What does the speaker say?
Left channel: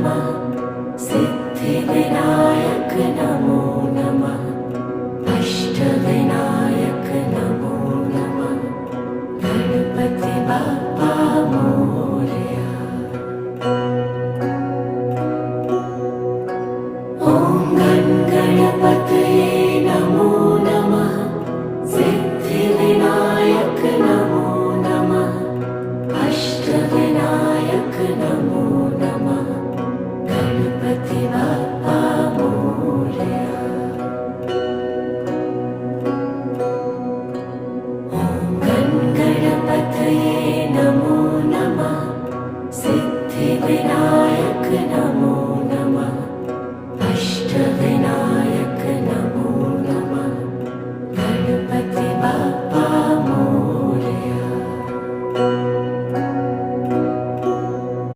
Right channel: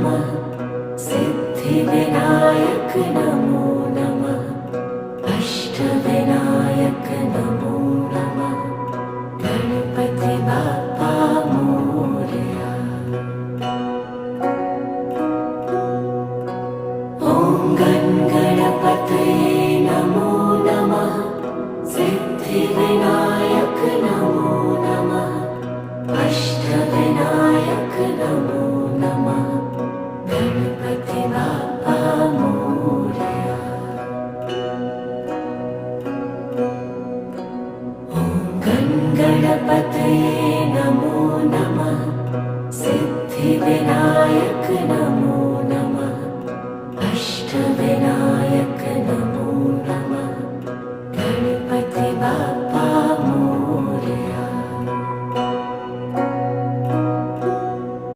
नमः सिद्धिविनायक नमो नमः अष्टविनायक नमो नमः गणपति बाप्पा मोरया। ॐ गणपतये नमो नमः सिद्धिविनायक नमो नमः अष्टविनायक नमो नमः गणपति बाप्पा मोरया। ॐ गणपतये नमो नमः सिद्धिविनायक नमो नमः अष्टविनायक